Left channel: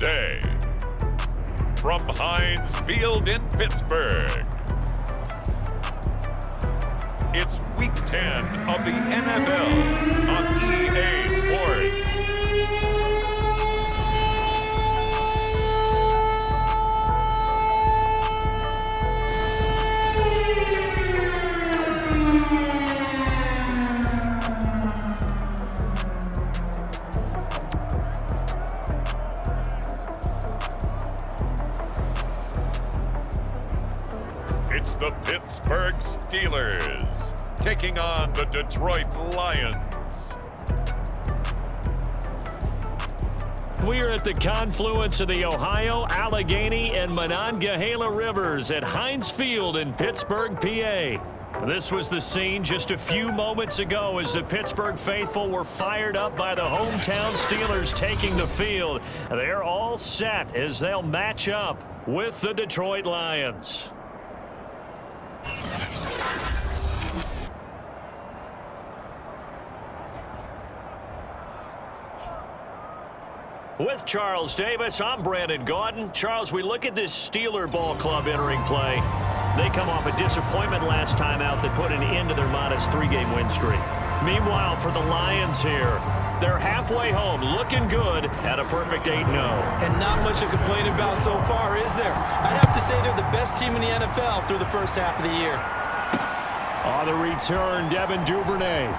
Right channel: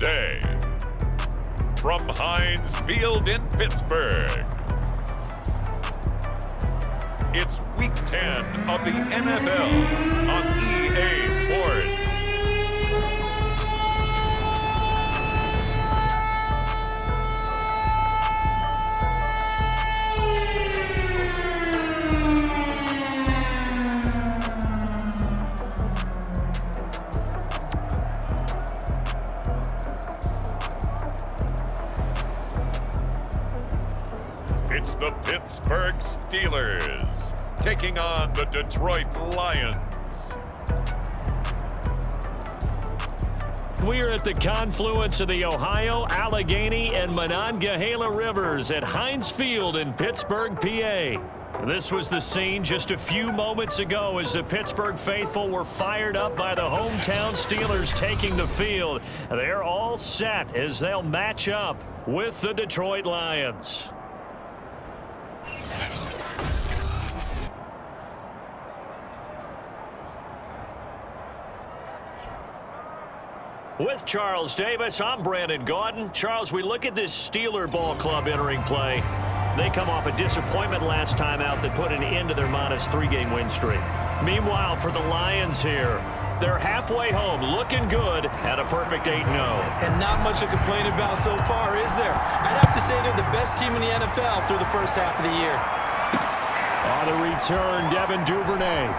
today. From Heinz Field in Pittsburgh, it's Week 10 of the NFL on EA Sports. It's the Pittsburgh Steelers taking on the Detroit Lions. We are at the confluence of the Ohio, Allegheny, and Monongahela Rivers at Heinz Field in Pittsburgh, PA. This was the scene just a few moments ago as the Pittsburgh faithful were fired up by the hometown Steelers taking the field. They're all set as they'll match up with the Detroit Lions. With Charles Davis, I'm Brandon Gaudin. Charles, we look at this Steeler ball club entering play. They come off a disappointment last time out that put an end to their modest 3-game win streak. Meanwhile, for the Lions here, they're halfway home, looking good at a perfect 8-0. And not much to complain about so far, is there? I'd have to say they're the best team in the NFL through the first half of the year. On the return, Devin Duvernay.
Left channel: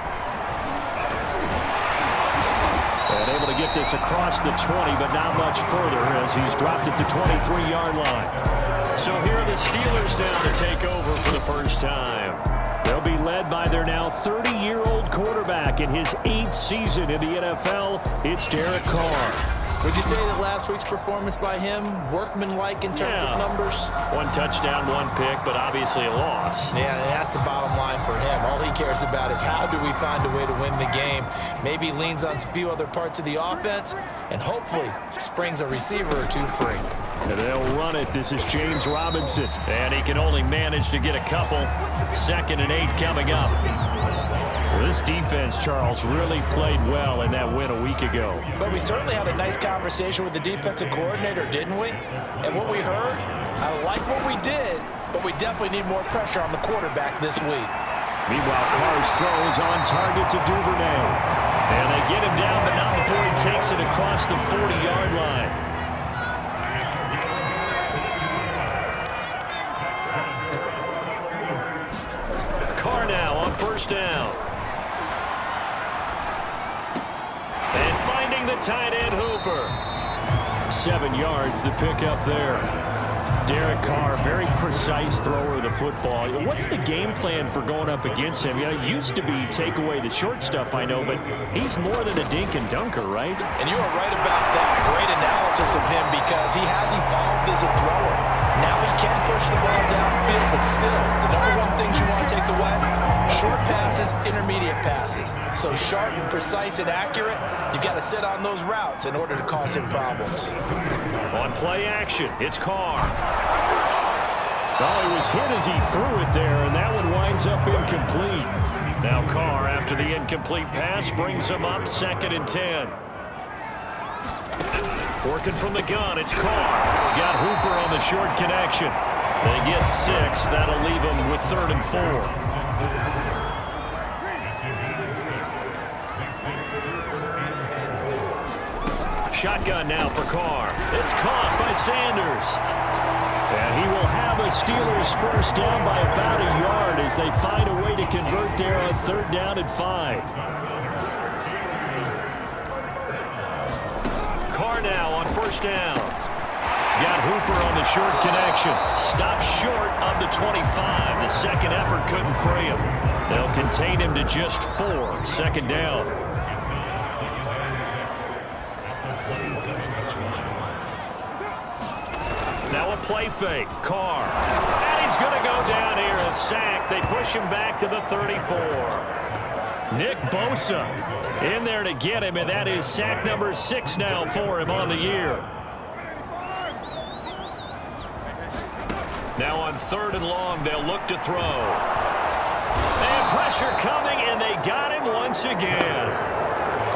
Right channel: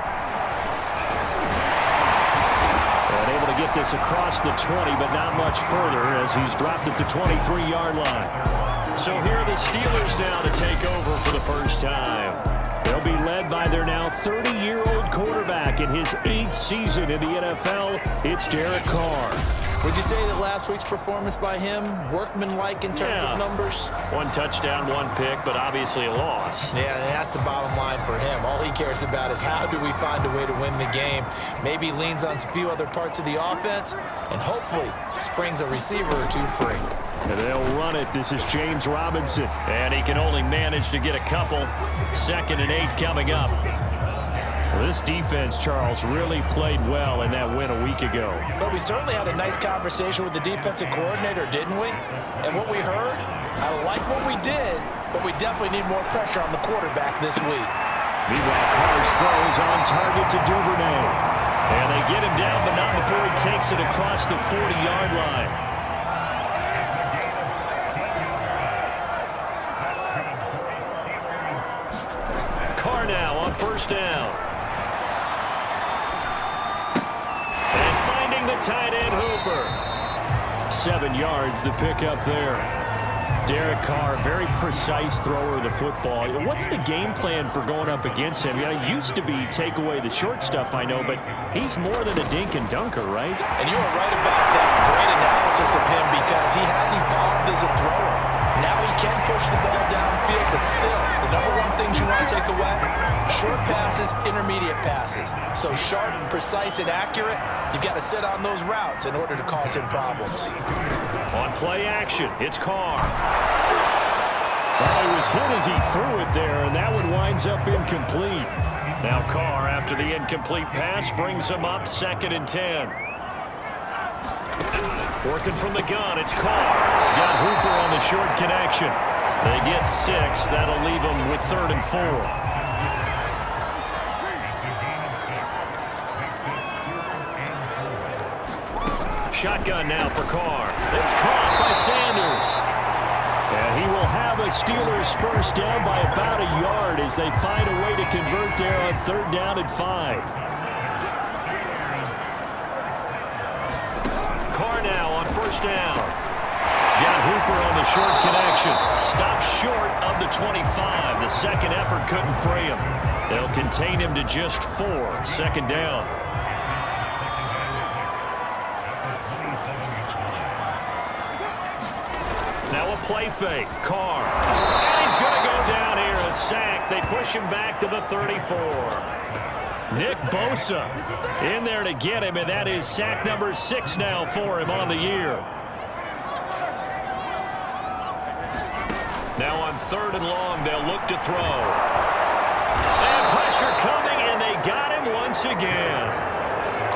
And able to get this across the 20, but not much further as he's dropped it to 23-yard line. So here are the Steelers now to take over for the first time. They'll be led by their now 30-year-old quarterback in his 8th season in the NFL. It's Derek Carr. Would you say that last week's performance by him, workmanlike in terms of numbers? 1 touchdown, 1 pick, but obviously a loss. Yeah, and that's the bottom line for him. All he cares about is how do we find a way to win the game. Maybe he leans on a few other parts of the offense and hopefully springs a receiver or two free. And they'll run it. This is James Robinson. And he can only manage to get a couple. 2nd and 8 coming up. Well, this defense, Charles, really played well in that win a week ago. But we certainly had a nice conversation with the defensive coordinator, didn't we? And what we heard, I like what we did, but we definitely need more pressure on the quarterback this week. Meanwhile, Carr's throws on target to Duvernay. And they get him down, but not before he takes it across the 40-yard line. Carr now on first down. And finding the tight end Hooper. 7 yards, the pickup there. Derek Carr, very precise thrower of the football. What's the game plan for going up against him? It used to be take away the short stuff, I know, but he's more than a dink and dunker, right? And you are right about that. Great analysis of him because he has evolved as a thrower. Now he can push the ball downfield, but still, the number one things you want to take away, short passes, intermediate passes. So sharp, precise, and accurate, you've got to sit on those routes in order to cause him problems. On play action, it's Carr. Well, he was hit as he threw it there, and that one winds up incomplete. Now Carr, after the incomplete pass, brings him up 2nd and 10. Working from the gun, it's Carr. He's got Hooper on the short connection. They get 6. That'll leave them with 3rd and 4. Shotgun now for Carr. It's caught by Sanders. And he will have a Steelers first down by about a yard as they find a way to convert there on 3rd down and 5. Carr now on first down. He's got Hooper on the short connection. Stopped short of the 25. The second effort couldn't free him. They'll contain him to just 4. 2nd down. Now a play fake. Carr. And he's going to go down here. A sack. They push him back to the 34. Nick Bosa in there to get him, and that is sack number 6 now for him on the year. Now on 3rd and long, they'll look to throw. And pressure coming, and they got him once again.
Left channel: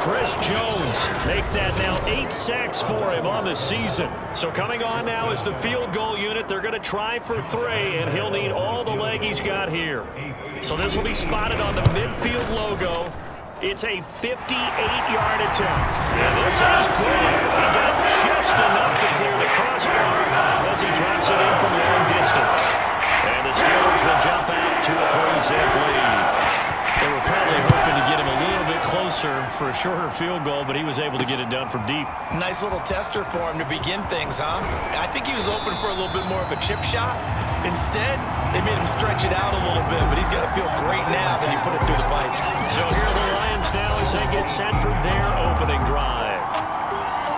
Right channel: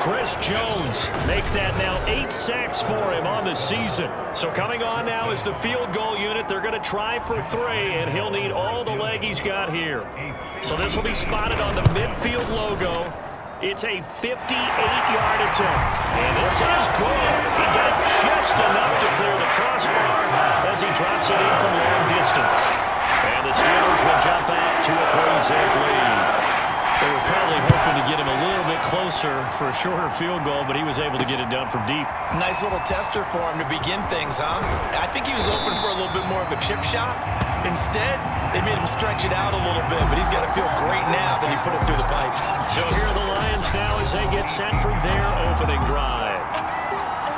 Chris Jones make that now 8 sacks for him on the season. So coming on now is the field goal unit. They're going to try for 3, and he'll need all the leg he's got here. So this will be spotted on the midfield logo. It's a 58-yard attempt. And this is good. He got just enough to clear the crossbar as he drops it in from long distance. And the Steelers will jump out to a 3-zip lead. They were probably hoping to get him a little bit closer for a shorter field goal, but he was able to get it done from deep. Nice little tester for him to begin things, huh? I think he was open for a little bit more of a chip shot. Instead, they made him stretch it out a little bit, but he's got to feel great now that he put it through the pipes. So here are the Lions now as they get set for their opening drive.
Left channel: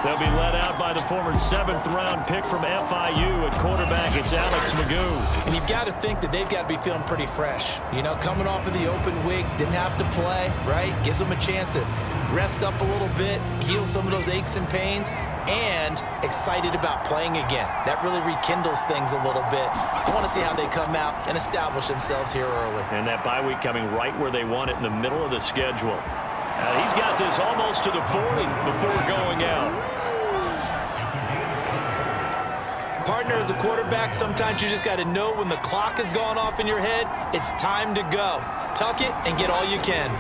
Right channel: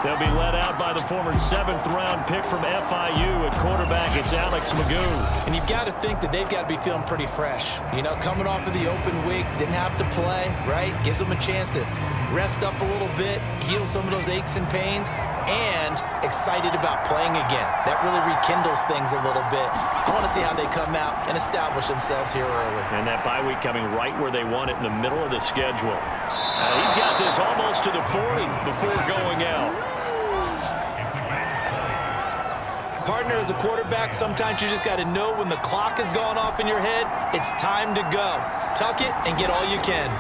They'll be led out by the former 7th-round pick from FIU. At quarterback, it's Alex Magoo. And you've got to think that they've got to be feeling pretty fresh. You know, coming off of the open week, didn't have to play, right? Gives them a chance to rest up a little bit, heal some of those aches and pains, and excited about playing again. That really rekindles things a little bit. I want to see how they come out and establish themselves here early. And that bye week coming right where they want it, in the middle of the schedule. He's got this almost to the 40 before going out. Partner, as a quarterback, sometimes you just got to know when the clock has gone off in your head, it's time to go. Tuck it and get all you can.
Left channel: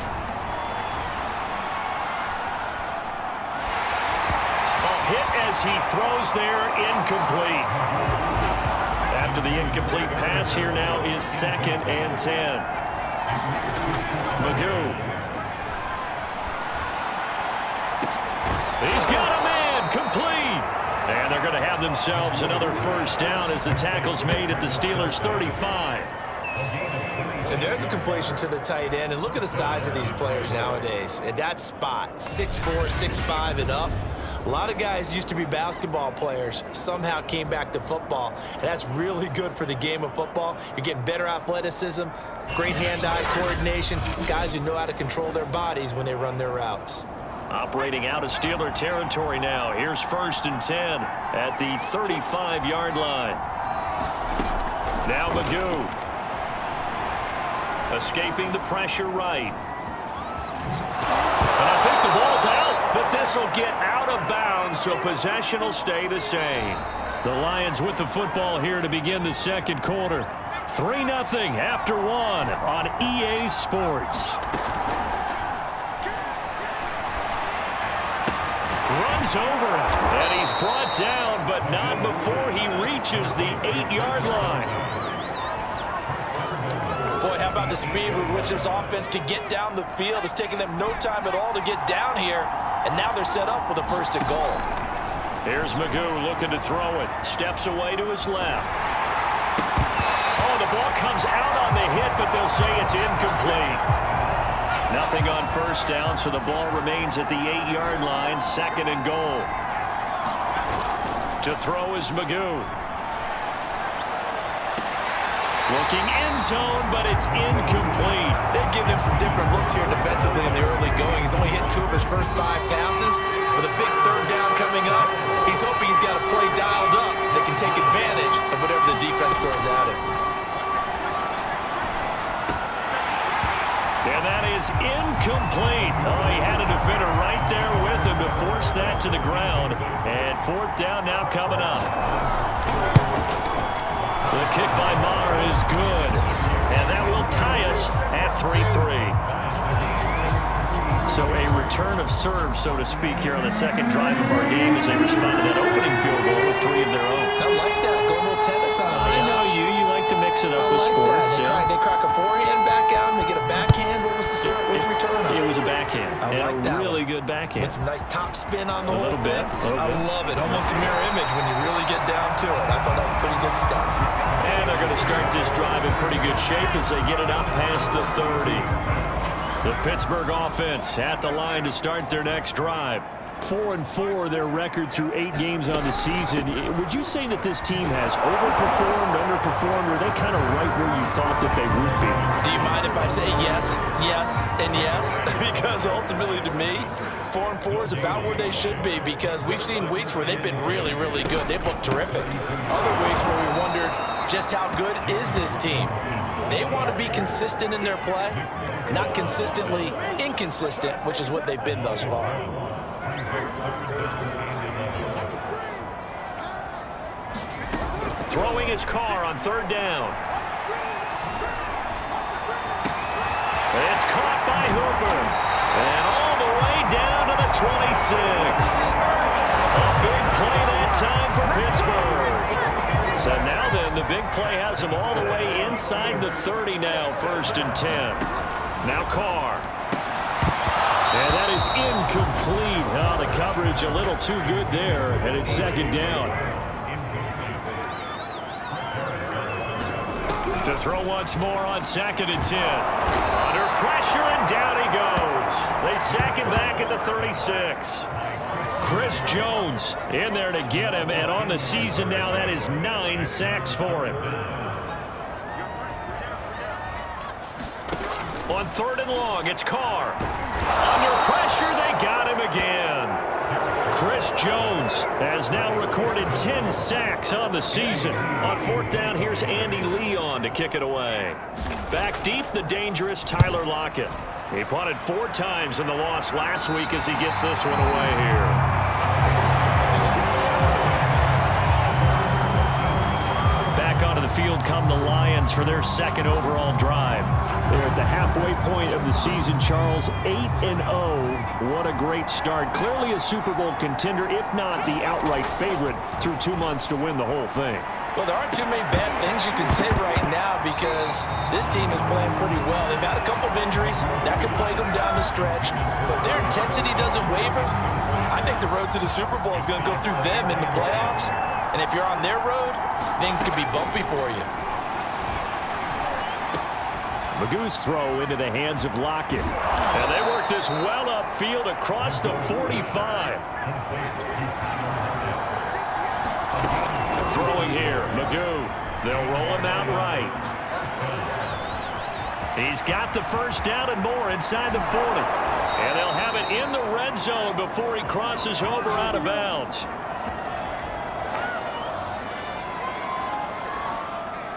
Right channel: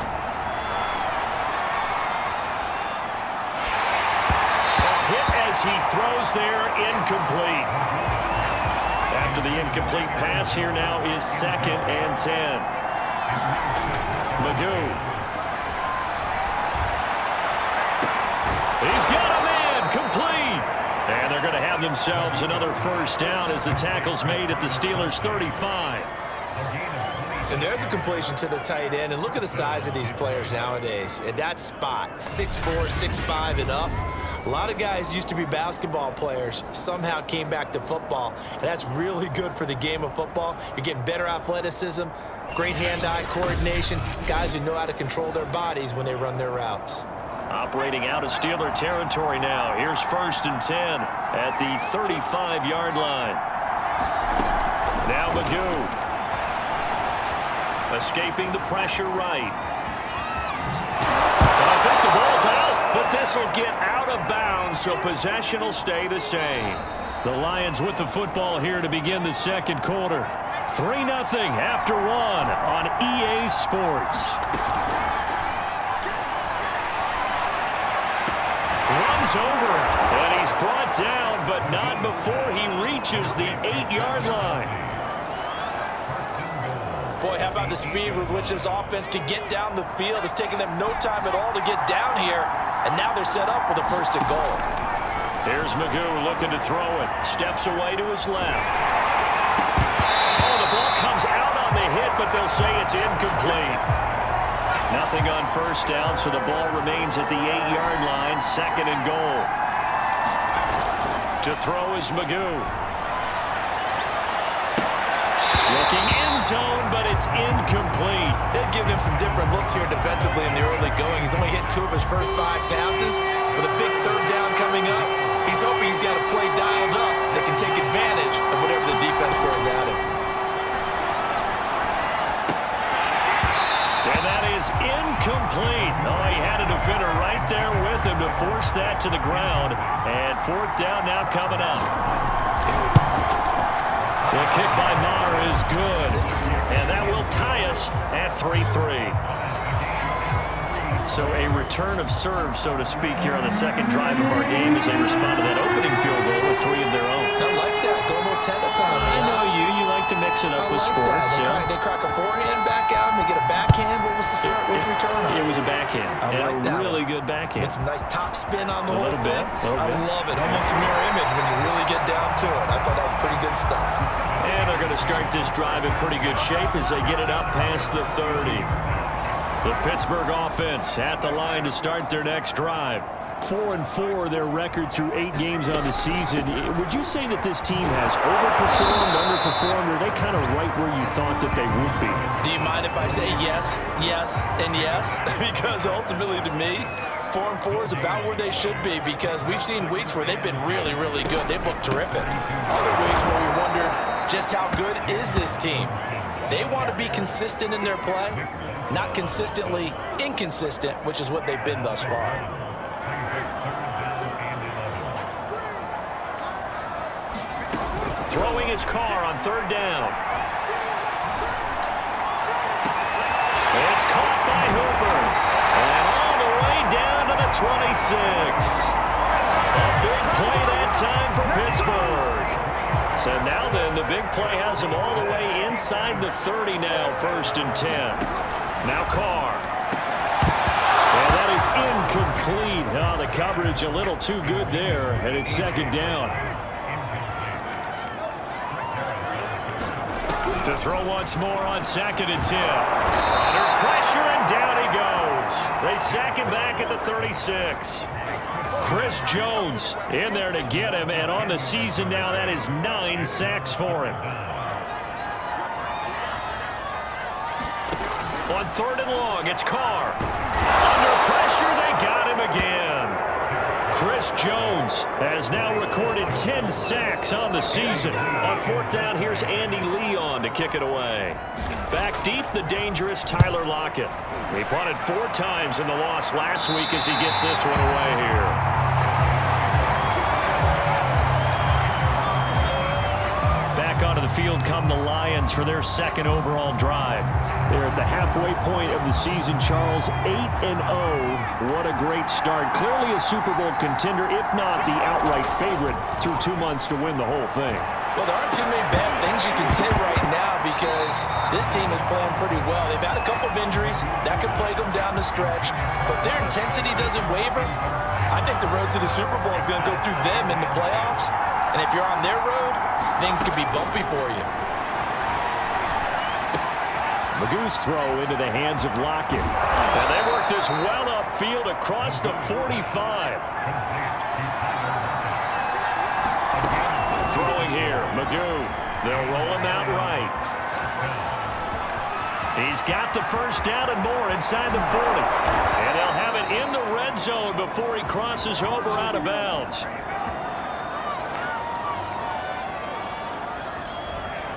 Hit as he throws there, incomplete. After the incomplete pass, here now is 2nd and 10. Magoo. He's got a man, complete. And they're going to have themselves another first down as the tackle's made at the Steelers' 35. And there's a completion to the tight end. And look at the size of these players nowadays. At that spot, 6'4", 6'5", and up. A lot of guys used to be basketball players, somehow came back to football, and that's really good for the game of football. You're getting better athleticism, great hand-eye coordination, guys who know how to control their bodies when they run their routes. Operating out of Steeler territory now. Here's 1st and 10 at the 35-yard line. Now Magoo. Escaping the pressure right. And I think the ball's out, but this will get out of bounds, so possession will stay the same. The Lions with the football here to begin the second quarter. 3-0 after 1 on EA Sports. Runs over him, and he's brought down, but not before he reaches the 8-yard line. Boy, how about the speed with which this offense can get down the field? It's taken them no time at all to get down here, and now they're set up with a 1st and goal. Here's Magoo looking to throw it. Steps away to his left. Oh, the ball comes out on the hit, but they'll say it's incomplete. Nothing on 1st down, so the ball remains at the 8-yard line, 2nd and goal. To throw is Magoo. Looking end zone, but it's incomplete. They've given him some different looks here defensively in the early going. He's only hit 2 of his first 5 passes. With a big 3rd down coming up, he's hoping he's got a play dialed up that can take advantage of whatever the defense throws at him. And that is incomplete. Oh, he had a defender right there with him to force that to the ground. And 4th down now coming up. The kick by Maher is good, and that will tie us at 3-3. So a return of serve, so to speak, here on the second drive of our game as they respond to that opening field goal with 3 of their own. I like that. Go a little tennis on me. I know you. You like to mix it up with sports. They crack a forehand back out and they get a backhand. What was the return on? It was a backhand. I like that. Really good backhand. With some nice top spin on the whole thing. I love it. Almost a mirror image when you really get down to it. I thought that was pretty good stuff. And they're going to start this drive in pretty good shape as they get it up past the 30. The Pittsburgh offense at the line to start their next drive. 4-4 their record through 8 games on the season. Would you say that this team has overperformed, underperformed, or are they kind of right where you thought that they would be? Do you mind if I say yes, yes, and yes? Because ultimately to me, 4-4 is about where they should be, because we've seen weeks where they've been really, really good. They've looked terrific. Other weeks where we wondered just how good is this team. They want to be consistent in their play. not consistently inconsistent, which is what they've been thus far. Throwing his car on third down. It's caught by Hooper. And all the way down to the 26. A big play that time for Pittsburgh. So now then, the big play has him all the way inside the 30 now, 1st and 10. Now Carr. And that is incomplete. Oh, the coverage a little too good there, and it's 2nd down. To throw once more on 2nd and 10. Under pressure, and down he goes. They sack him back at the 36. Chris Jones in there to get him, and on the season now, that is 9 sacks for him. On 3rd and long, it's Carr. Under pressure, they got him again. Chris Jones has now recorded 10 sacks on the season. On 4th down, here's Andy Leon to kick it away. Back deep, the dangerous Tyler Lockett. He punted 4 times in the loss last week as he gets this one away here. Back onto the field come the Lions for their 2nd overall drive. They're at the halfway point of the season, Charles, 8-0. What a great start. Clearly a Super Bowl contender, if not the outright favorite, through 2 months to win the whole thing. Well, there aren't too many bad things you can say right now because this team is playing pretty well. They've had a couple of injuries. That could plague them down the stretch. But their intensity doesn't waver. I think the road to the Super Bowl is going to go through them in the playoffs. And if you're on their road, things could be bumpy for you. Magoo's throw into the hands of Lockett. And they work this well upfield across the 45. Throwing here, Magoo. They'll roll him out right. He's got the 1st down and more inside the 40. And they'll have it in the red zone before he crosses over out of bounds.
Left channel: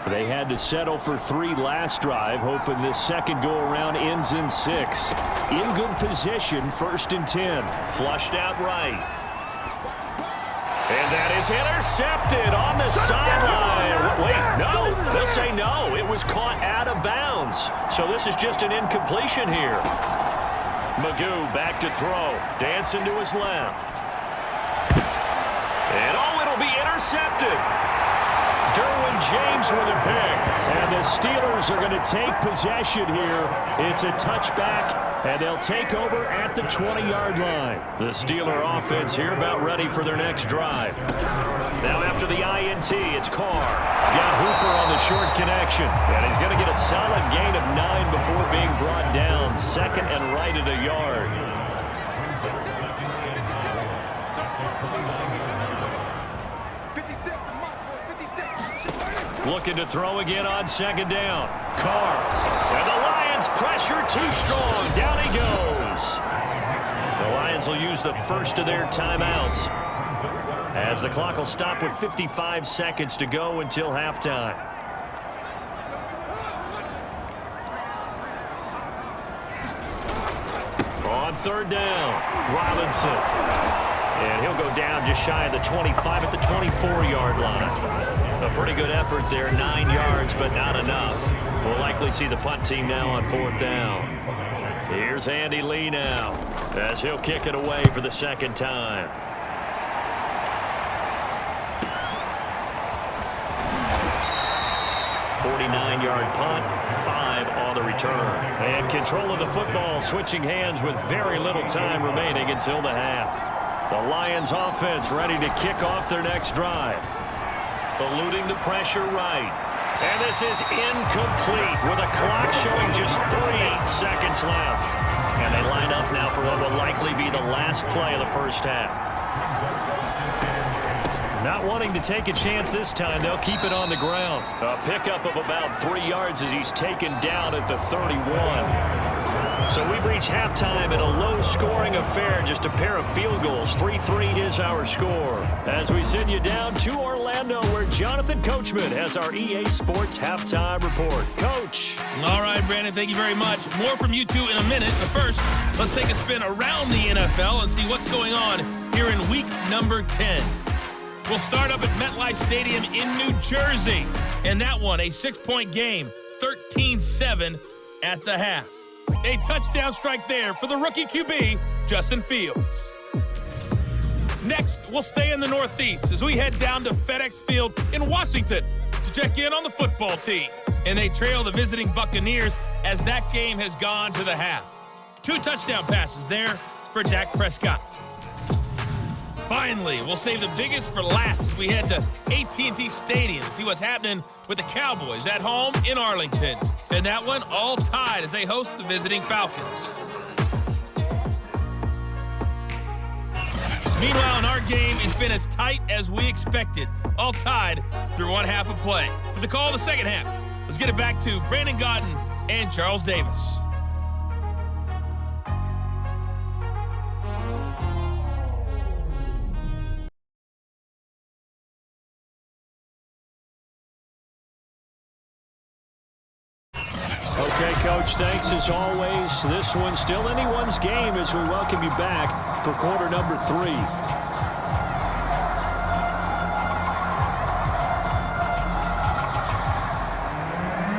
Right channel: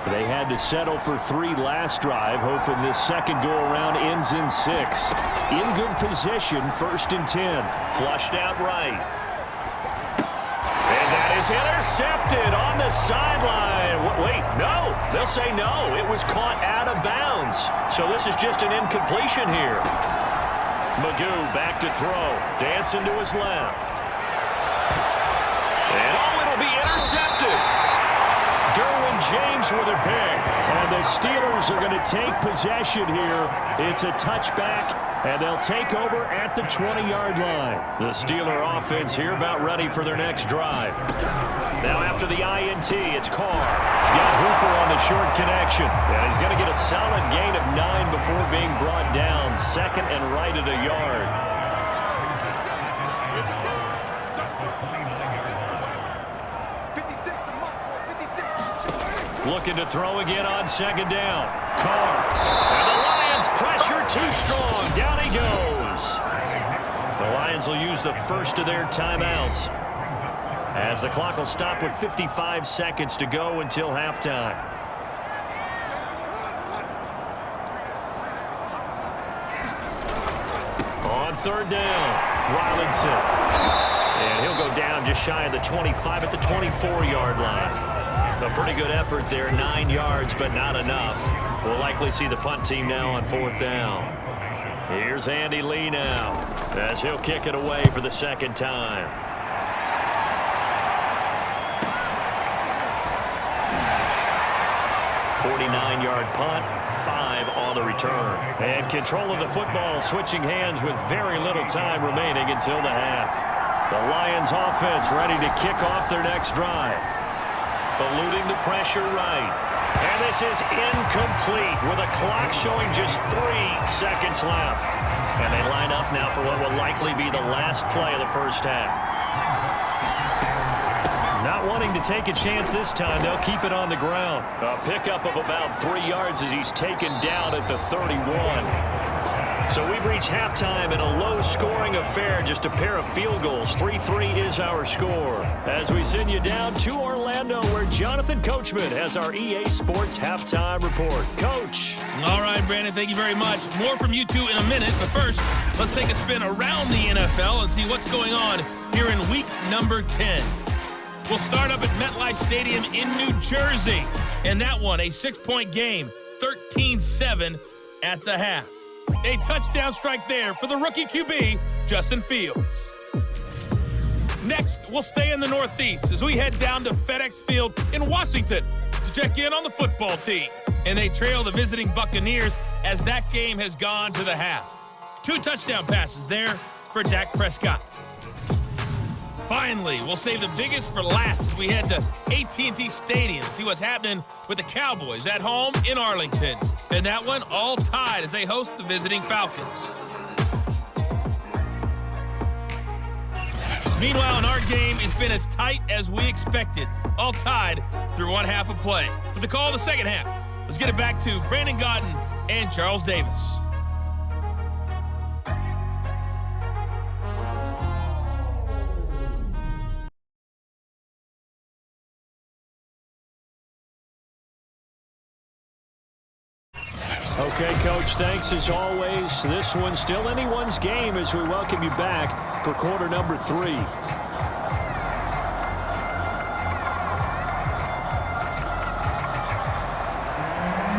They had to settle for 3 last drive, hoping this second go-around ends in 6. In good position, 1st and 10. Flushed out right. And that is intercepted on the sideline. Wait, no. They'll say no. It was caught out of bounds. So this is just an incompletion here. Magoo back to throw. Dancing to his left. And it'll be intercepted. Derwin James with a pick. And the Steelers are going to take possession here. It's a touchback, and they'll take over at the 20-yard line. The Steeler offense here about ready for their next drive. Now after the INT, it's Carr. He's got Hooper on the short connection. And he's going to get a solid gain of 9 before being brought down. 2nd and right at a yard. Looking to throw again on 2nd down. Carr. And the Lions pressure too strong. Down he goes. The Lions will use the first of their timeouts as the clock will stop with 55 seconds to go until halftime. On 3rd down, Robinson. And he'll go down just shy of the 25 at the 24-yard line. A pretty good effort there, 9 yards, but not enough. We'll likely see the punt team now on 4th down. Here's Andy Lee now, as he'll kick it away for the 2nd time. .49-yard punt, 5 on the return. And control of the football, switching hands with very little time remaining until the half. The Lions offense ready to kick off their next drive. Eluding the pressure right. And this is incomplete with a clock showing just 3 seconds left. And they line up now for what will likely be the last play of the first half. Not wanting to take a chance this time, they'll keep it on the ground. A pickup of about 3 yards as he's taken down at the 31. So we've reached halftime in a low-scoring affair, just a pair of field goals. 3-3 is our score. As we send you down to Orlando, where Jonathan Coachman has our EA Sports Halftime Report. Coach. All right, Brandon, thank you very much. More from you two in a minute, but first, let's take a spin around the NFL and see what's going on here in week number 10. We'll start up at MetLife Stadium in New Jersey, and that one, a 6-point game, 13-7 at the half. A touchdown strike there for the rookie QB, Justin Fields. Next, we'll stay in the Northeast as we head down to FedEx Field in Washington to check in on the football team. And they trail the visiting Buccaneers as that game has gone to the half. 2 touchdown passes there for Dak Prescott. Finally, we'll save the biggest for last as we head to AT&T Stadium to see what's happening with the Cowboys at home in Arlington. And that one all tied as they host the visiting Falcons. Meanwhile, in our game, it's been as tight as we expected. All tied through one half of play. For the call of the second half, let's get it back to Brandon Gaudin and Charles Davis. Okay, Coach, thanks as always. This one's still anyone's game as we welcome you back for quarter number 3.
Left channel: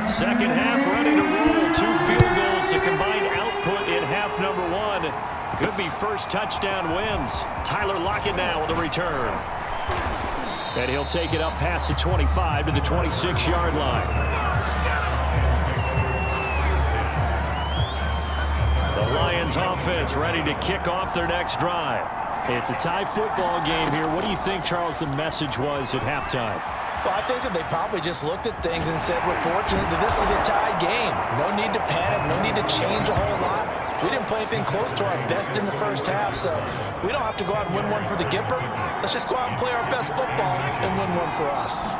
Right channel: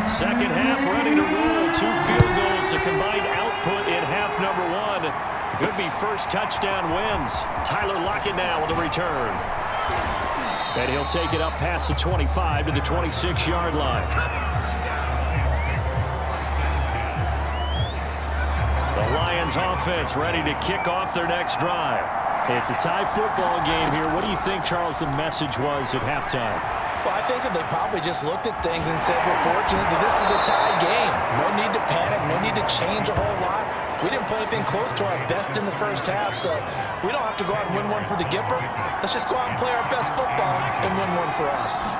Second half ready to roll. 2 field goals, a combined output in half number 1. Could be first touchdown wins. Tyler Lockett now with a return. And he'll take it up past the 25 to the 26-yard line. The Lions offense ready to kick off their next drive. It's a tie football game here. What do you think, Charles, the message was at halftime? Well, I think that they probably just looked at things and said, we're fortunate that this is a tie game. No need to panic, no need to change a whole lot. We didn't play anything close to our best in the first half, so we don't have to go out and win one for the Gipper. Let's just go out and play our best football and win one for us.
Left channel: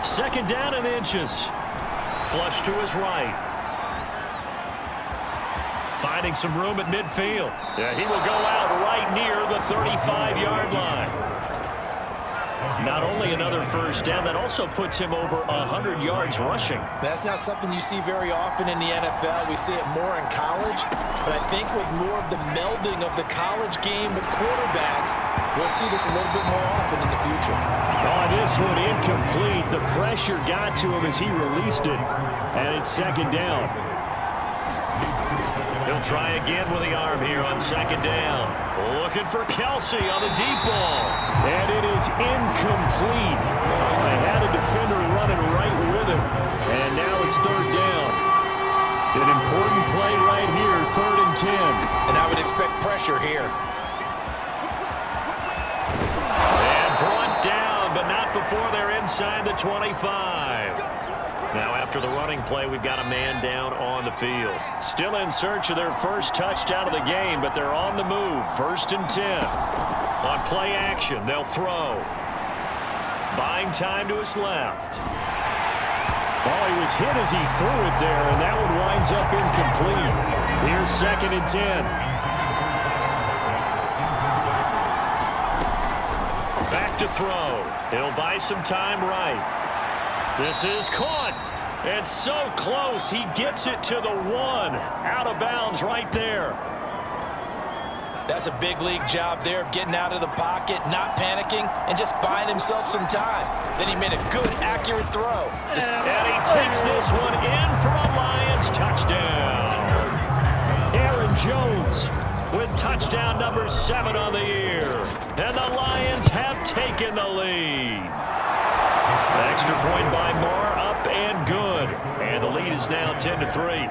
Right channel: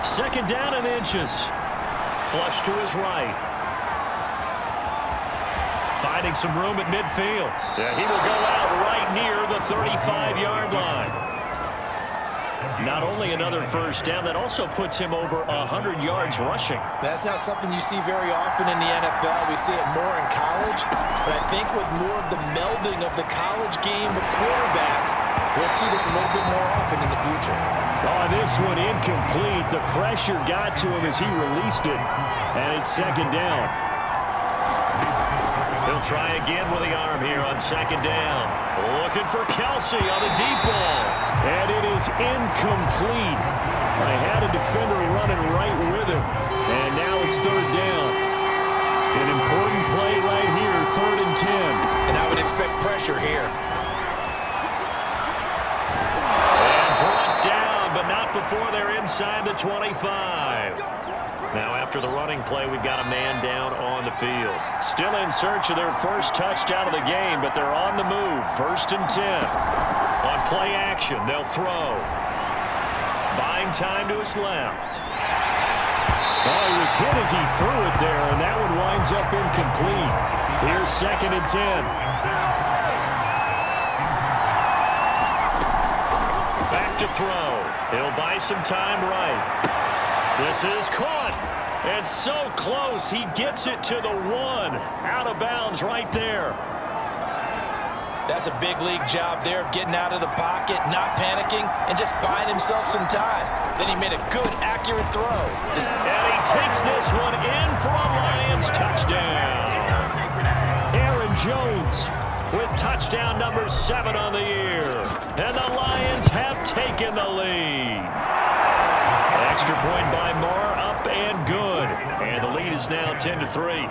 Second down and inches. Flush to his right. Finding some room at midfield. Yeah, he will go out right near the 35-yard line. Not only another first down, that also puts him over 100 yards rushing. That's not something you see very often in the NFL. We see it more in college, but I think with more of the melding of the college game with quarterbacks, we'll see this a little bit more often in the future. Oh, this one incomplete. The pressure got to him as he released it, and it's second down. He'll try again with the arm here on second down. Looking for Kelsey on the deep ball. And it is incomplete. They had a defender running right with him. And now it's third down. An important play right here, 3rd and 10. And I would expect pressure here. And brought down, but not before they're inside the 25. Now, after the running play, we've got a man down on the field. Still in search of their first touchdown of the game, but they're on the move. 1st and 10. On play action, they'll throw. Buying time to his left. Oh, he was hit as he threw it there, and that one winds up incomplete. Here's 2nd and 10. Back to throw. He'll buy some time right. This is caught. And so close. He gets it to the 1. Out of bounds right there. That's a big league job there of getting out of the pocket, not panicking, and just buying himself some time. Then he made a good, accurate throw. And he takes this one in for a Lions touchdown. Aaron Jones with touchdown number 7 on the year. And the Lions have taken the lead. Extra point by Marr, up and good. And the lead is now 10-3.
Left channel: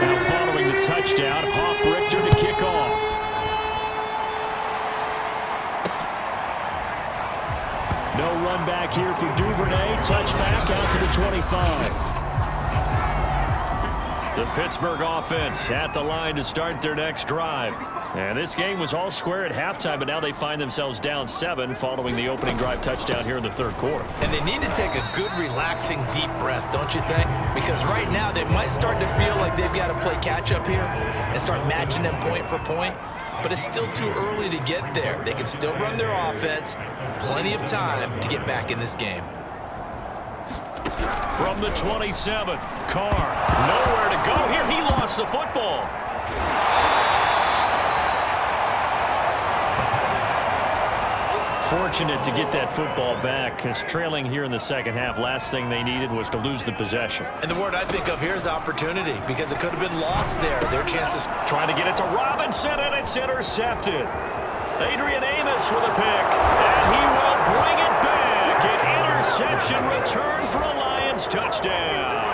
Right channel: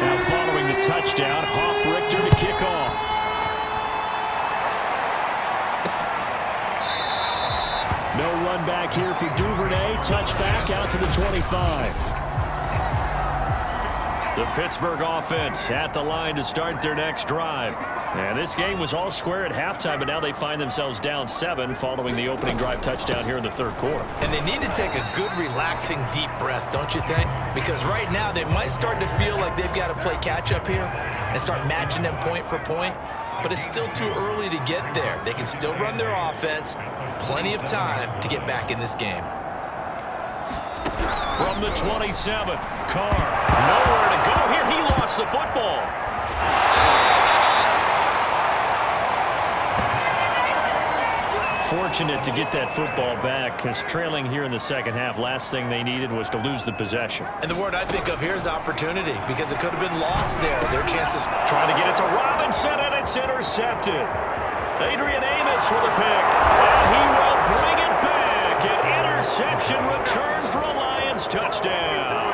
Now following the touchdown, Hoff-Richter to kick off. No run back here for Duvernay. Touchback out to the 25. The Pittsburgh offense at the line to start their next drive. And this game was all square at halftime, but now they find themselves down 7 following the opening drive touchdown here in the third quarter. And they need to take a good, relaxing, deep breath, don't you think? Because right now they might start to feel like they've got to play catch-up here and start matching them point for point. But it's still too early to get there. They can still run their offense. Plenty of time to get back in this game. From the 27, Carr, nowhere to go here. He lost the football. Fortunate to get that football back, because trailing here in the second half, last thing they needed was to lose the possession. And the word I think of here is opportunity, because it could have been lost there. Their chance to trying to get it to Robinson, and it's intercepted. Adrian Amos with a pick, and he will bring it back. An interception return for a Lions touchdown.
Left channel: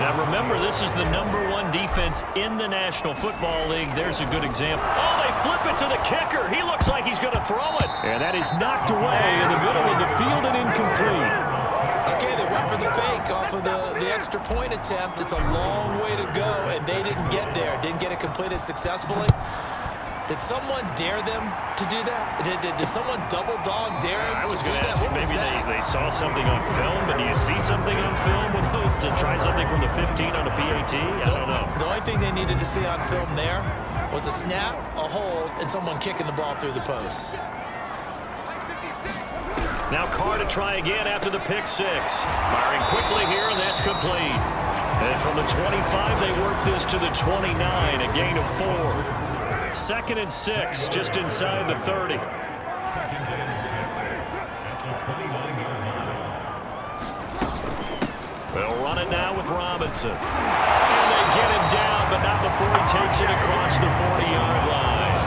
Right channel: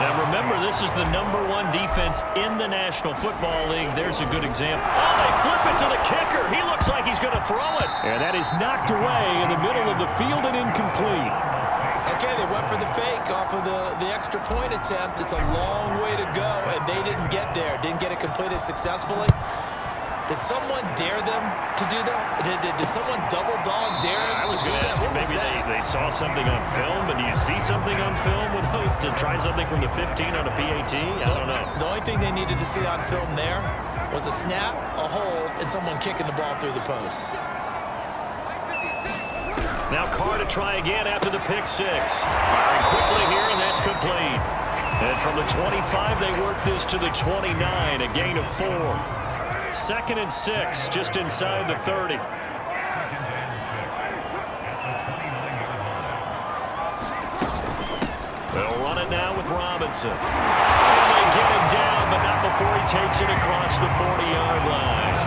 Now remember, this is the #1 defense in the National Football League. There's a good example. Oh, they flip it to the kicker. He looks like he's going to throw it. And that is knocked away in the middle of the field and incomplete. Okay, they went for the fake off of the extra point attempt. It's a long way to go, and they didn't get there. Didn't get it completed successfully. Did someone dare them to do that? Did someone double dog dare them to do that? Maybe they saw something on film, but do you see something on film with those to try something from the 15 on a PAT? I don't know. The only thing they needed to see on film there was a snap, a hold, and someone kicking the ball through the post. Now Carr to try again after the pick six. Firing quickly here, and that's complete. And from the 25, they work this to the 29, a gain of 4. 2nd and 6, just inside the 30. They'll run it now with Robinson. And they get him down, but not before he takes it across the 40-yard line.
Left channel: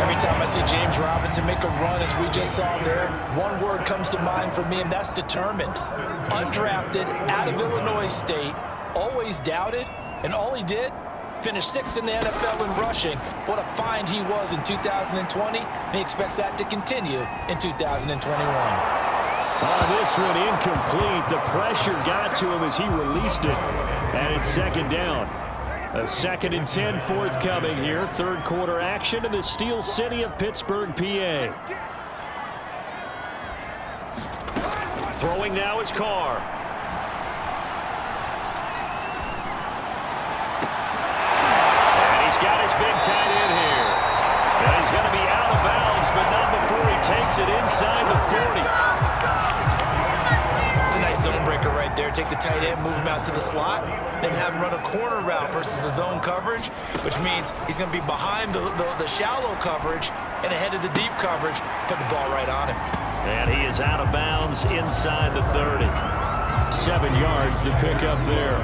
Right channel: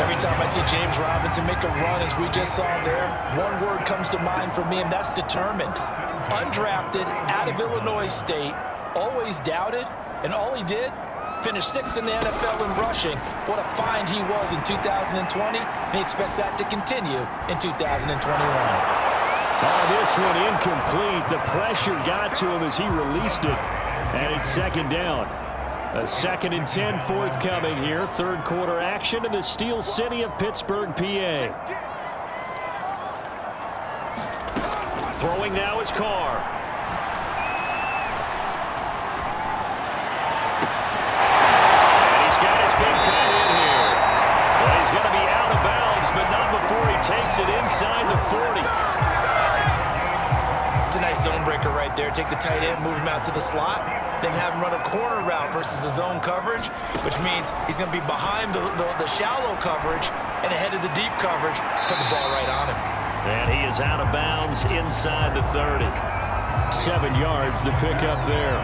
Every time I see James Robinson make a run, as we just saw there, one word comes to mind for me, and that's determined. Undrafted, out of Illinois State, always doubted, and all he did, finished 6th in the NFL in rushing. What a find he was in 2020, and he expects that to continue in 2021. Oh, this one incomplete. The pressure got to him as he released it, and it's 2nd down. A 2nd and 10 forthcoming here. Third quarter action in the Steel City of Pittsburgh, PA. Throwing now is Carr. Got his big tight end here. And he's going to be out of bounds, but not before he takes it inside the 40. It's a nice zone breaker right there. Take the tight end, move him out to the slot, then have him run a corner route versus the zone coverage, which means he's going to be behind the shallow coverage and ahead of the deep coverage, put the ball right on him. And he is out of bounds inside the 30. 7 yards, the pickup there.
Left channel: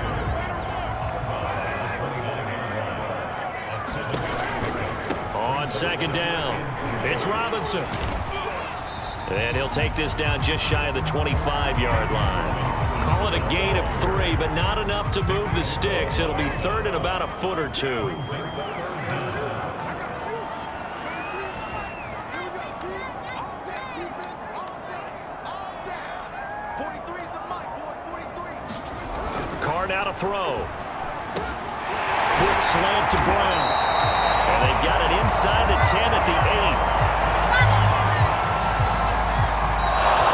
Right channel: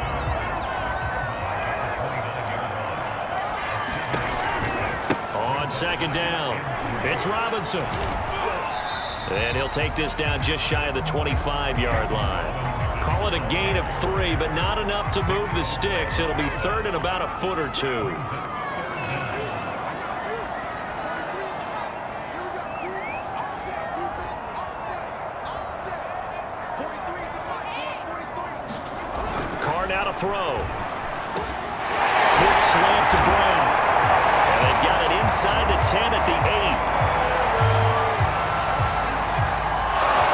On 2nd down, it's Robinson. And he'll take this down just shy of the 25-yard line. Call it a gain of 3, but not enough to move the sticks. It'll be 3rd and about a foot or 2. Carr now to throw. Quick slant to Brown. And they've got it inside the 10 at the 8.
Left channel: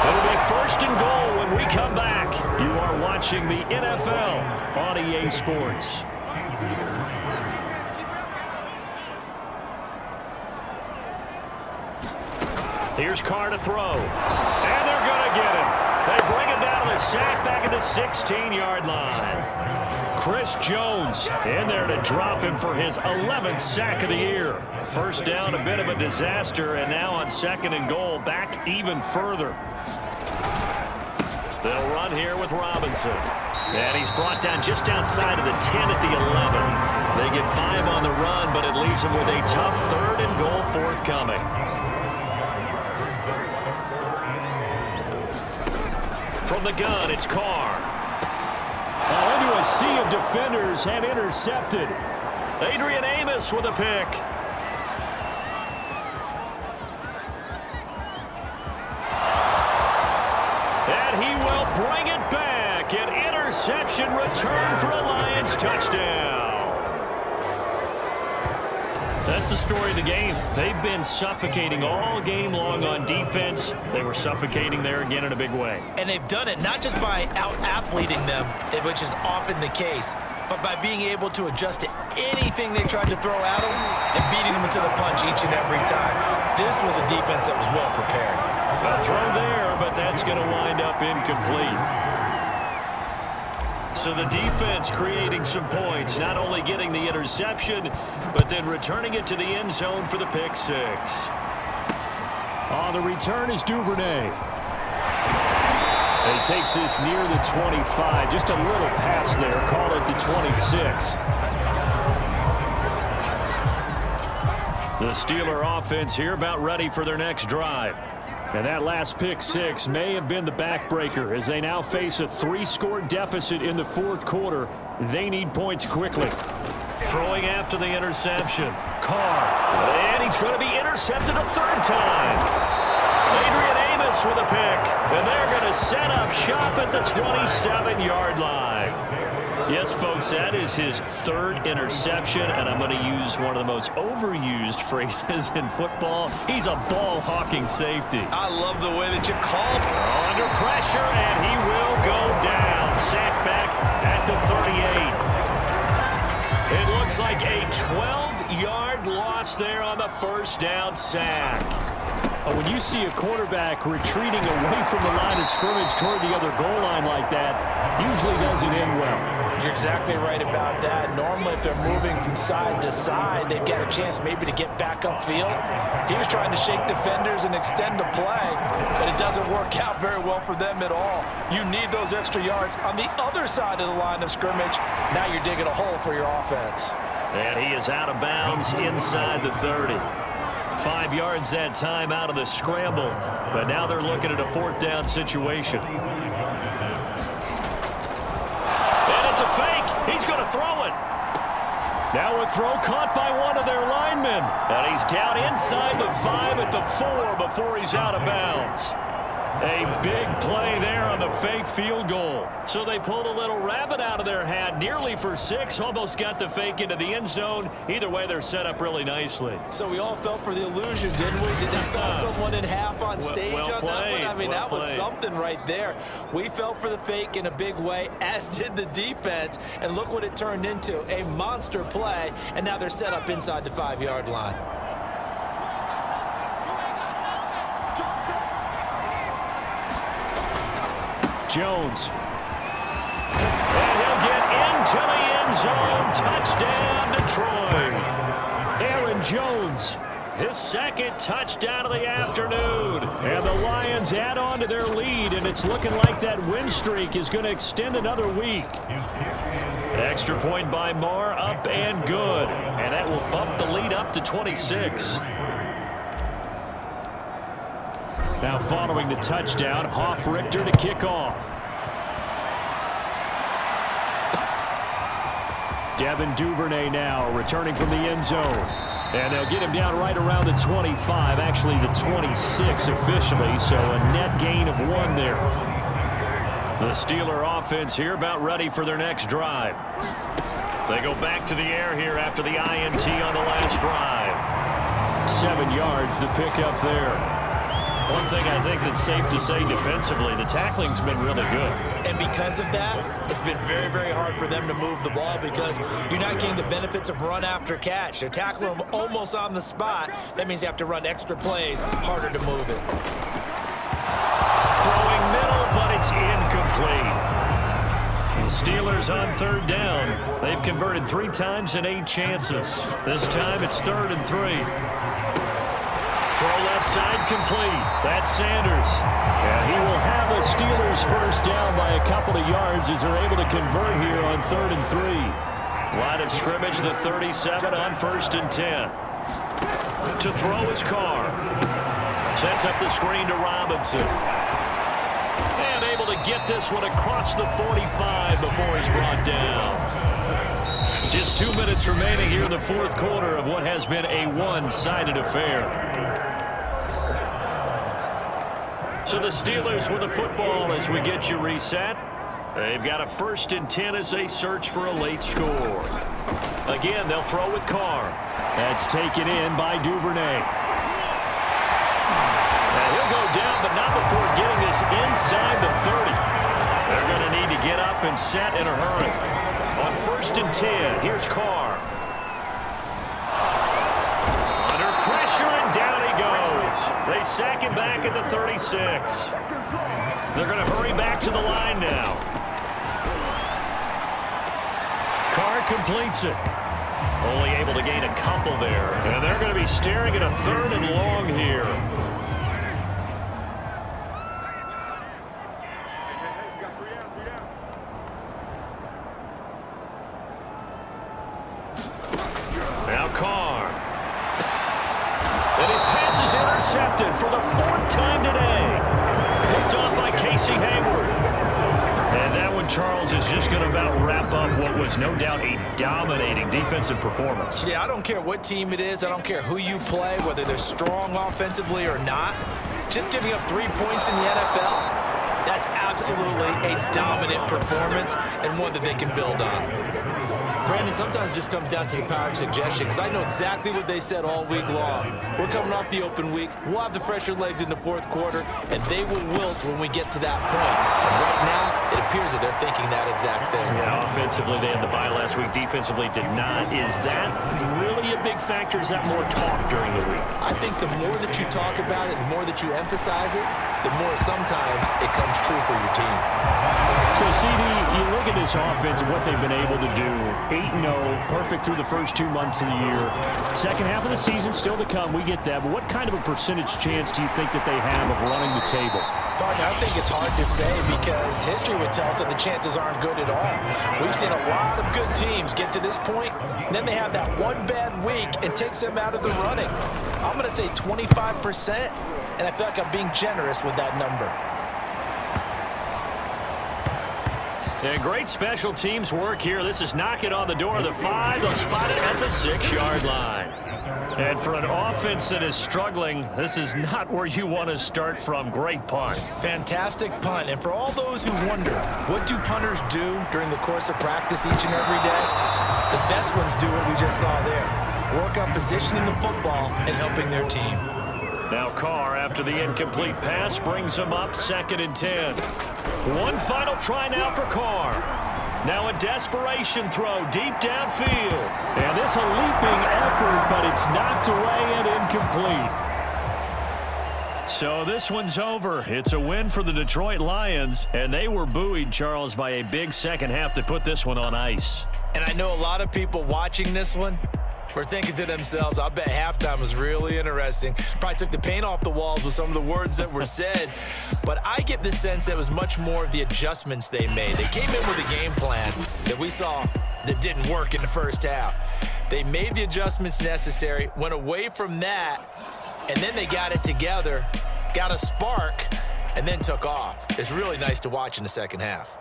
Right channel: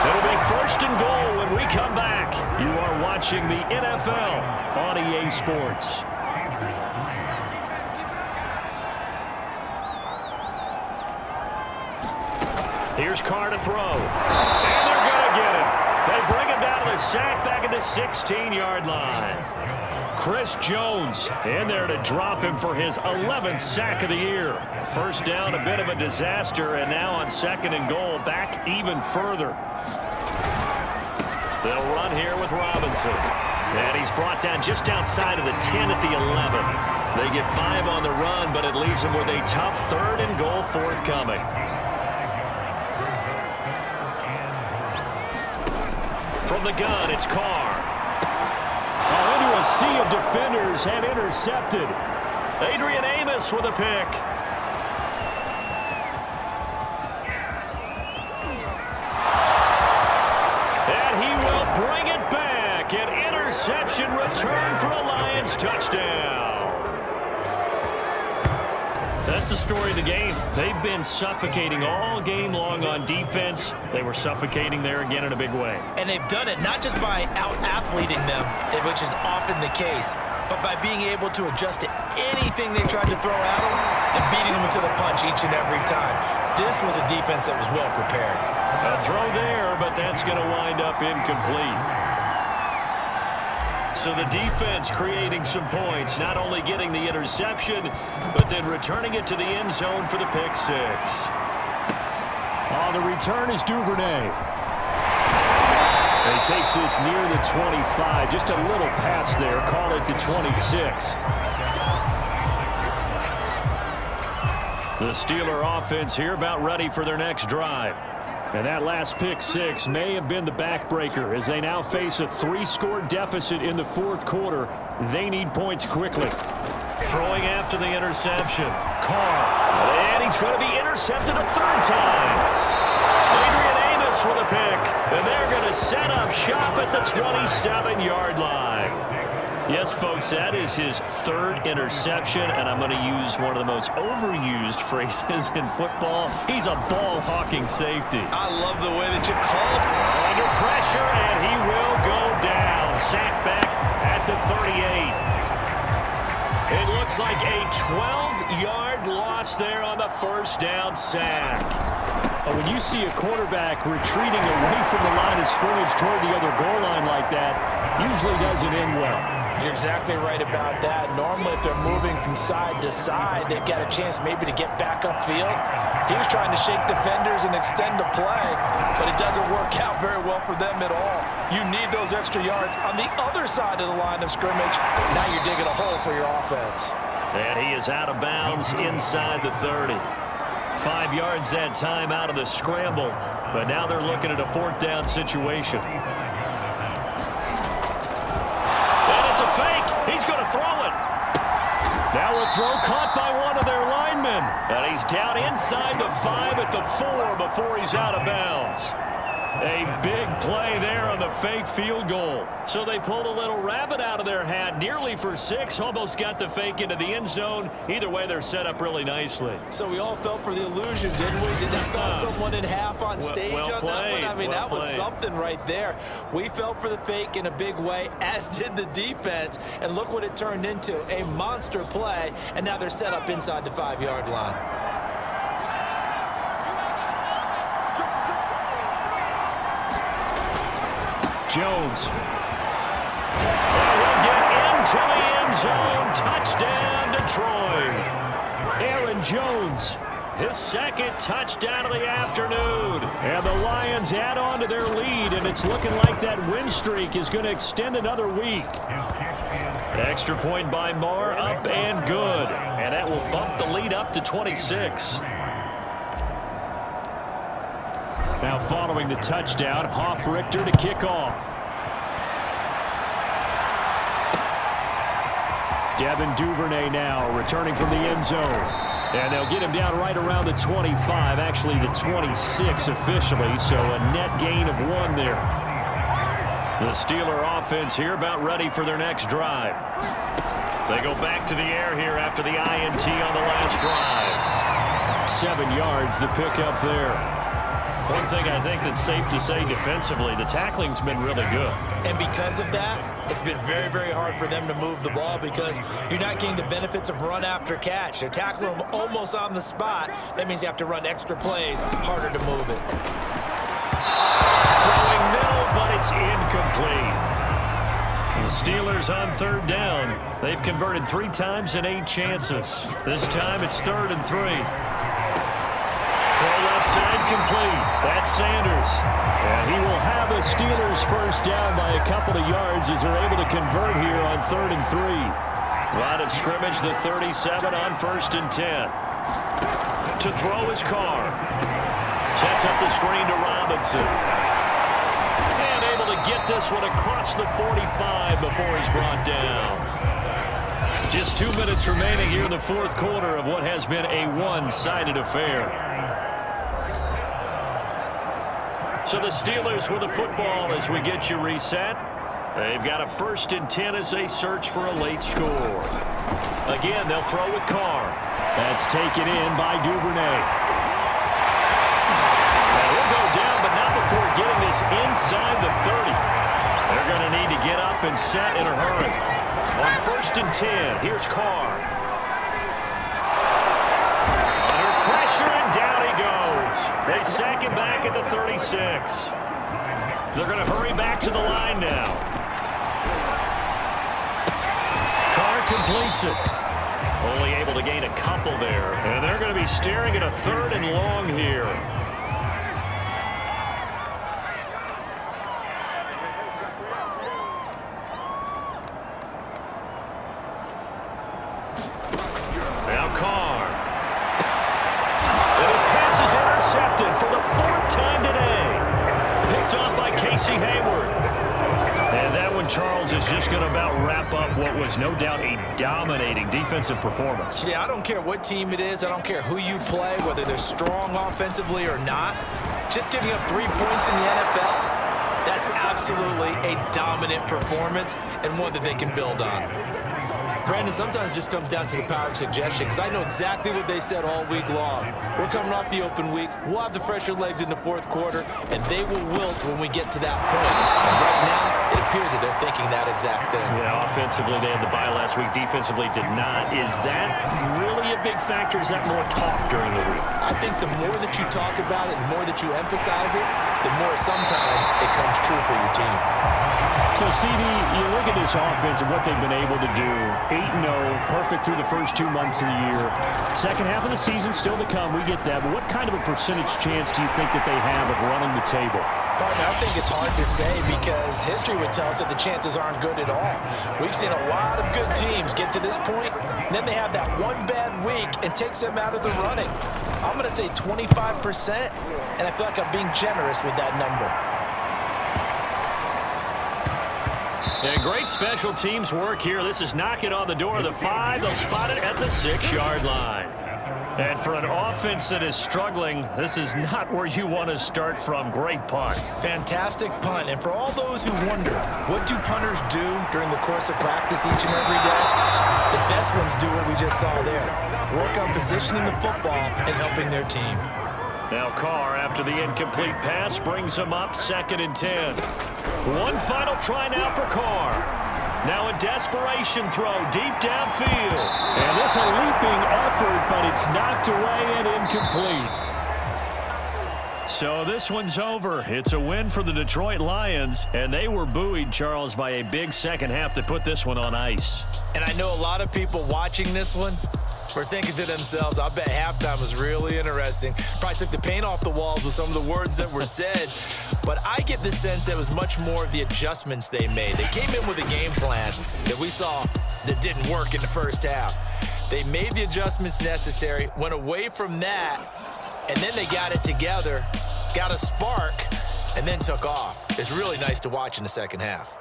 It'll be 1st and goal when we come back. You are watching the NFL on EA Sports. Here's Carr to throw. And they're going to get him. They bring him down to the sack back at the 16-yard line. Chris Jones in there to drop him for his 11th sack of the year. 1st down, a bit of a disaster, and now on 2nd and goal, back even further. They'll run here with Robinson. And he's brought down just outside of the 10 at the 11. They get 5 on the run, but it leaves them with a tough 3rd and goal forthcoming. From the gun, it's Carr. Oh, into a sea of defenders and intercepted. Adrian Amos with a pick. And he will bring it back. second. Interception return for a Lions touchdown. That's the story of the game. They've been suffocating all game long on defense. They were suffocating there again in a big way. And they've done it not just by out-athleting them, which is often the case, but by being able to adjust to anything they tried to throw at them and beating them into the punch each and every time. This was a defense that was well prepared. A throw there, but that's going to wind up incomplete. So the defense creating some points, not only getting the interception, but then returning it to the end zone for the pick six. On the return is Duvernay. He takes this near the 25. Just a little pass there. Call it the 26. The Steeler offense here about ready for their next drive. And that last pick six may have been the backbreaker as they now face a 3-score deficit in the fourth quarter. They need points quickly. Throwing after the interception. Carr. And he's going to be intercepted a third time. Adrian Amos with a pick. And they're going to set up shop at the 27-yard line. Yes, folks, that is his third interception, and I'm going to use one of the most overused phrases in football. He's a ball-hawking safety. I love the way that you called it. Under pressure, and he will go down. Sacked back at the 38. It looks like a 12-yard loss there on the first down sack. When you see a quarterback retreating away from the line of scrimmage toward the other goal line like that, usually doesn't end well. You're exactly right about that. Normally, if they're moving from side to side, they've got a chance maybe to get back upfield. He was trying to shake defenders and extend the play, but it doesn't work out very well for them at all. You need those extra yards on the other side of the line of scrimmage. Now you're digging a hole for your offense. And he is out of bounds inside the 30. 5 yards that time out of the scramble, but now they're looking at a fourth down situation. And it's a fake. He's going to throw it. Now a throw caught by one of their linemen. And he's down inside the 5 at the 4 before he's out of bounds. A big play there on the fake field goal. So they pulled a little rabbit out of their hat, nearly for 6, almost got the fake into the end zone. Either way, they're set up really nicely. So we all fell for the illusion, didn't we? Did they saw someone in half on stage on that one? I mean, that was something right there. We fell for the fake in a big way, as did the defense. And look what it turned into, a monster play. And now they're set up inside the 5-yard line. Jones. And he'll get into the end zone. Touchdown, Detroit. Aaron Jones. His second touchdown of the afternoon. And the Lions add on to their lead, and it's looking like that win streak is going to extend another week. Extra point by Marr, up and good. And that will bump the lead up to 26. Now following the touchdown, Hoff-Richter to kick off. Devin Duvernay now returning from the end zone. And they'll get him down right around the 25, actually the 26 officially, so a net gain of 1 there. The Steeler offense here about ready for their next drive. They go back to the air here after the INT on the last drive. 7 yards, the pickup there. One thing I think that's safe to say defensively, the tackling's been really good. And because of that, it's been very, very hard for them to move the ball because you're not getting the benefits of run after catch. They're tackling them almost on the spot. That means you have to run extra plays, harder to move it. Throwing middle, but it's incomplete. The Steelers on third down. They've converted 3 times in 8 chances. This time it's 3rd and 3. Throw left side complete. That's Sanders. And he will have the Steelers first down by a couple of yards as they're able to convert here on 3rd and 3. Line of scrimmage, the 37 on 1st and 10. To throw is Carr. Sets up the screen to Robinson. And able to get this one across the 45 before he's brought down. Just 2 minutes remaining here in the fourth quarter of what has been a one-sided affair. So the Steelers with the football as we get you reset. They've got a 1st and 10 as they search for a late score. Again, they'll throw with Carr. That's taken in by Duvernay. And he'll go down, but not before getting this inside the 30. They're going to need to get up and set in a hurry. On 1st and 10, here's Carr. Under pressure, and down he goes. They sack him back at the 36. They're going to hurry back to the line now. Carr completes it. Only able to gain a couple there. And they're going to be staring at a 3rd and long here. Now Carr. And his pass is intercepted for the 4th time today. Picked off by Casey Hayward. And that one, Charles, is just going to about wrap up what was no doubt a dominating defensive performance. Yeah, I don't care what team it is. I don't care who you play, whether they're strong offensively or not. Just giving up 3 points in the NFL, that's absolutely a dominant performance and one that they can build on. Brandon, sometimes it just comes down to the power of suggestion, because I know exactly what they said all week long. We're coming off the open week. We'll have the fresher legs in the 4th quarter, and they will wilt when we get to that point. And right now, it appears that they're thinking that exact thing. Yeah, offensively, they had the bye last week. Defensively, did not. Is that really a big factor? Is that more talk during the week? I think the more that you talk about it, the more that you emphasize it, the more sometimes it comes true for your team. So, CD, you look at this offense and what they've been able to do. 8-0, perfect through the first 2 months of the year. Second half of the season still to come. We get that. But what kind of a percentage chance do you think that they have of running the table? Partner, I think it's hard to say because history would tell us that the chances aren't good at all. We've seen a lot of good teams get to this point, and then they have that one bad week and takes them out of the running. I'm going to say 25%, and I feel like I'm being generous with that number. And great special teams work here. This is knocking on the door of the 5. They'll spot it at the 6-yard line. And for an offense that is struggling, this is not where you want to start from. Great punt. Fantastic punt. And for all those who wonder, what do punters do during the course of practice each and every day? The best ones do what we just saw there. Work on positioning the football and helping their team. Now Carr, after the incomplete pass, brings him up 2nd and 10. One final try now for Carr. Now a desperation throw deep downfield. And this a leaping effort, but it's knocked away and incomplete. So this one's over. It's a win for the Detroit Lions, and they were buoyed, Charles, by a big second half to put this one on ice. And I know a lot of people watching this one were thinking to themselves, I bet halftime was really interesting. Probably took the paint off the walls with some of the words that were said. But I get the sense that it was much more of the adjustments they made. They came in with a game plan that we saw that didn't work in the first half. They made the adjustments necessary, went away from that, and then they got it together, got a spark, and then took off. It's really nice to watch in the second half.